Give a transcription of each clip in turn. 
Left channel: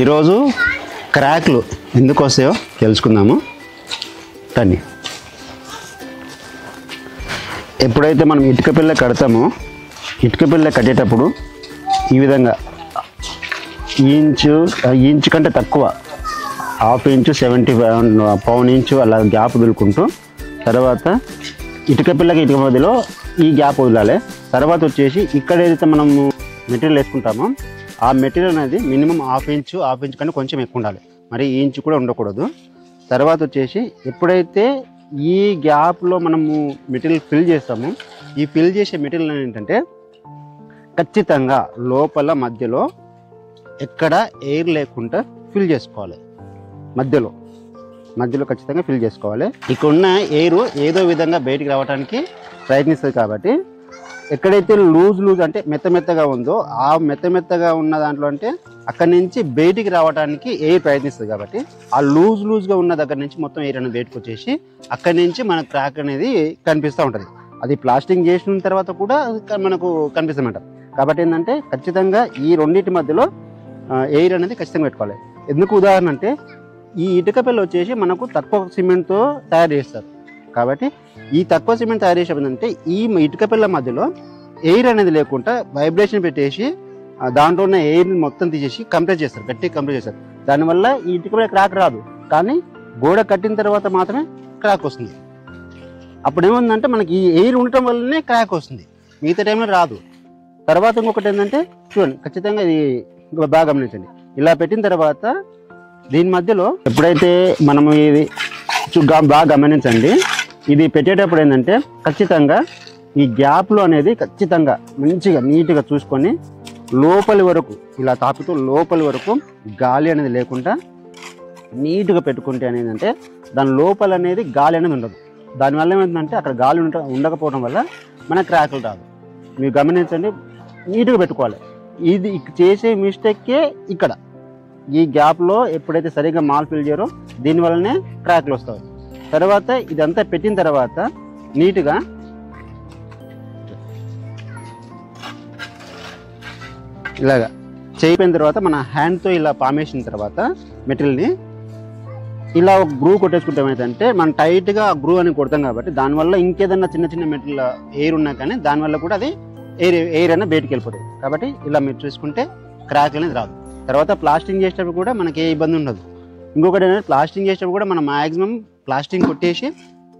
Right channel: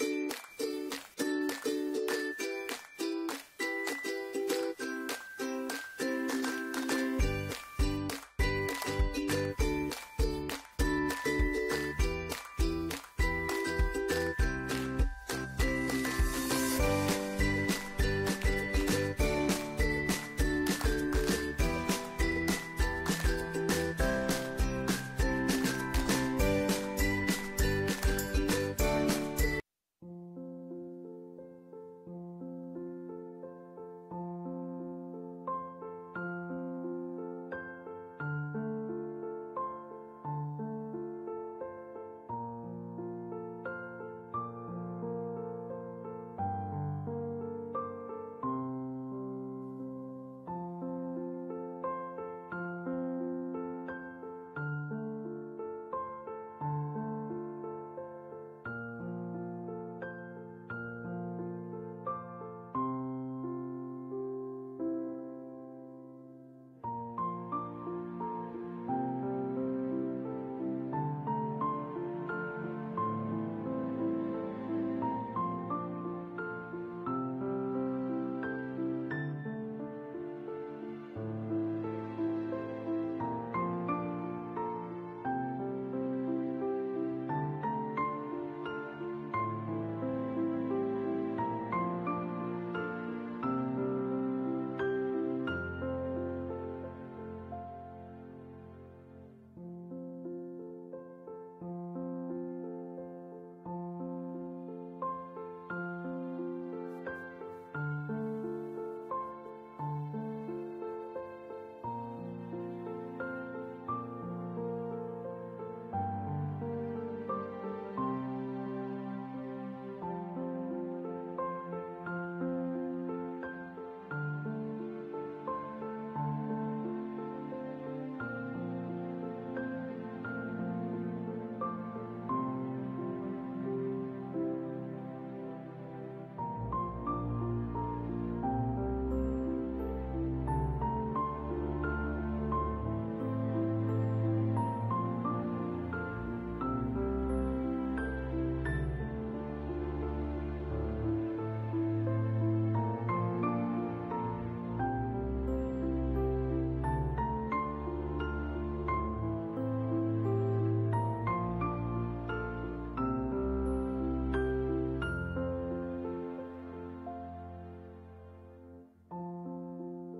ఈరోజు క్రాక్లు ఎందుకు వస్తాయో తెలుసుకుందాము. కానీ ఎప్పుడైతే మనం ఇటుక పిల్ల కడతామో, ఇటుక పిల్ల కట్టేటప్పుడు ఈ విధంగా ఇంచు కంటే తక్కువ, హాఫ్ ఇంచు 70 పావు ఇంచు అలా గ్యాప్ వదులుకుంటూ, తర్వాత ఇటుక పిల్లకి ఇటుక మధ్యలో ఈ గ్యాప్ వదలాలి. తర్వాత వచ్చేసి ఇక్కడ ఏదైతే మనము మెటీరియల్ వేసుకుంటామో ఆ మెటీరియల్ అనేది మినిమం హాఫ్ ఇంచు కంటే కొంచెం ఎక్కువ ఉండాలి, మరి ఈ ఇంచు కూడా ఉండకూడదు. తర్వాత వచ్చేసి ఎప్పుడైతే ఈ గ్యాప్లో మనము మెటీరియల్ ఫిల్ చేస్తామో, ఈ ఫిల్ చేసే మెటీరియల్ ఏంటంటే ఖచ్చితంగా లోపల మధ్యలో ఎక్కడ ఎయిర్ లేకుండా ఫిల్ చేసుకోవాలి. మధ్యలో ఖచ్చితంగా ఫిల్ చేసుకోవాలి. ఇక్కడ ఉన్న ఎయిర్ ఏదో విధంగా బయటికి రావడానికి ప్రయత్నిస్తుంది. కాబట్టి ఎక్కడైతే లూజ్ అంటే మెత్తగా ఉందో, ఆ మెత్తగా ఉన్న దాంట్లో అంటే అక్కడి నుంచి బయటికి రావడానికి ఎయిర్ ప్రయత్నిస్తుంది. కాబట్టి ఆ లూజ్గా ఉన్న దగ్గర నుంచి మొత్తం ఎయిర్ అనేది బయటకు వచ్చేసి అక్కడి నుంచి మన క్రాక్ అనేది కనిపిస్తూ ఉంటుంది. అది ప్లాస్టింగ్ చేసిన తర్వాత కూడా మనకు కనిపిస్తుందన్నమాట. కాబట్టి ఏంటంటే ఖచ్చితంగా ఈ రెండింటి మధ్యలో ఎయిర్ అనేది ఖచ్చితంగా పెట్టుకోవాలి. ఎందుకు ఉదాహరణ అంటే ఈ ఇటుక పిల్ల వచ్చేసి మనకు తక్కువ సిమెంట్తో తయారు చేస్తారు. కాబట్టి ఈ తక్కువ సిమెంట్ తయారు చేసేంటే ఈ ఇటుక పిల్ల మధ్యలో ఎయిర్ అనేది లేకుండా వైబ్రేషన్ పెట్టేసి దాంట్లో ఉన్న ఎయిర్ని మొత్తం తీసేసి కంప్రెస్ చేస్తారు, గట్టిగా కంప్రెస్ చేస్తారు. దానివల్ల ఈ ఇటుక పిల్ల క్రాక్ రాదు, కానీ గోడ కట్టిన తర్వాత మాత్రమే క్రాక్ వస్తుంది. అప్పుడు ఏముందంటే మనకి ఈ ఎయిర్ ఉండటం వల్లనే క్రాక్ వస్తుంది, మిగతా టైంలో రాదు. తర్వాత ఇంకొకటి ఏంటంటే చూడండి, ఖచ్చితంగా ఇది బాగా గమనించండి. ఇలా పెట్టిన తర్వాత దీని మధ్యలో ఎప్పుడైతే మనము ఇది బాగా గమనించండి, ఇది పెట్టేటప్పుడు ఏంటంటే ఖచ్చితంగా ఈ గ్యాప్లో అనేది ఖచ్చితంగా మంచిగా నీట్గా చూసుకొని లోపలి వరకు ఇలా తాపుతూ లోపలి వరకు గాలి అనేది లేకుండా నీట్గా పెట్టుకుంటే అనేది అంటే దాని లోపల అనేది గాలి అనేది ఉండదు. దానివల్ల ఏమైందంటే అక్కడ గాలి ఉండకపోవడం వల్ల మన క్రాకులు రాదు. మీరు గమనించండి, నీట్గా పెట్టుకోవాలి. ఇది చేసే మిస్టేక్కే ఇక్కడ ఈ గ్యాప్లో ఎప్పుడైతే సరిగ్గా మాల్ ఫిల్ చేయరో దీనివల్లనే క్రాక్లు వస్తాయి. తర్వాత ఇదంతా పెట్టిన తర్వాత నీట్గా ఇలాగా చేయిపోయిన తర్వాత మన హ్యాండ్తో ఇలా పామేసిన తర్వాత మెటీరియల్ని ఇలా ఒక గ్రూ కొట్టేసుకుంటే ఏమైందంటే మనం టైట్గా ఆ గ్రూ అని కొడతాం. కాబట్టి దానివల్ల ఇంకేదన్నా చిన్న మెటీరియల్ ఎయిర్ ఉన్నా కానీ దానివల్ల కూడా అది ఎయిర్ అనేది బయటికి వెళ్ళిపోతుంది. కాబట్టి ఇలా మీరు చూసుకుంటే క్రాక్ అనేది రాదు. తర్వాత ప్లాస్టింగ్ చేసేటప్పుడు కూడా మనకి ఏ ఇబ్బంది ఉండదు. ఇంకొకటి ఏంటంటే ప్లాస్టింగ్ చేసేటప్పుడు కూడా మనం మ్యాక్సిమం ప్లాస్టింగ్ కొట్టేసి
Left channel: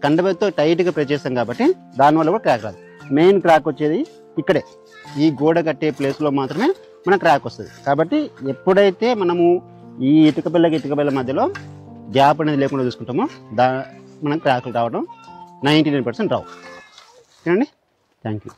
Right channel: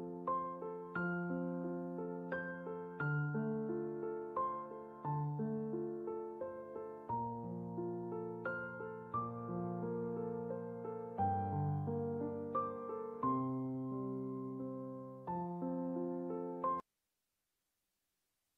కండబెత్తో టైట్గా ప్రెస్ చేస్తాం. కాబట్టి దానివల్ల కూడా క్రాక్ రాదు. మెయిన్ క్రాక్ వచ్చేది ఇక్కడే, ఈ గోడ కట్టే ప్లేస్లో మాత్రమే మన క్రాక్ వస్తుంది. కాబట్టి ఎప్పుడైతే మనము ఈ ఇటుక పిల్ల మధ్యలో గ్యాప్ అనేది లేకుండా చూసుకుంటామో మనకు క్రాకులు రావడం 99% రావు. ఓకేనండి, థ్యాంక్ యూ.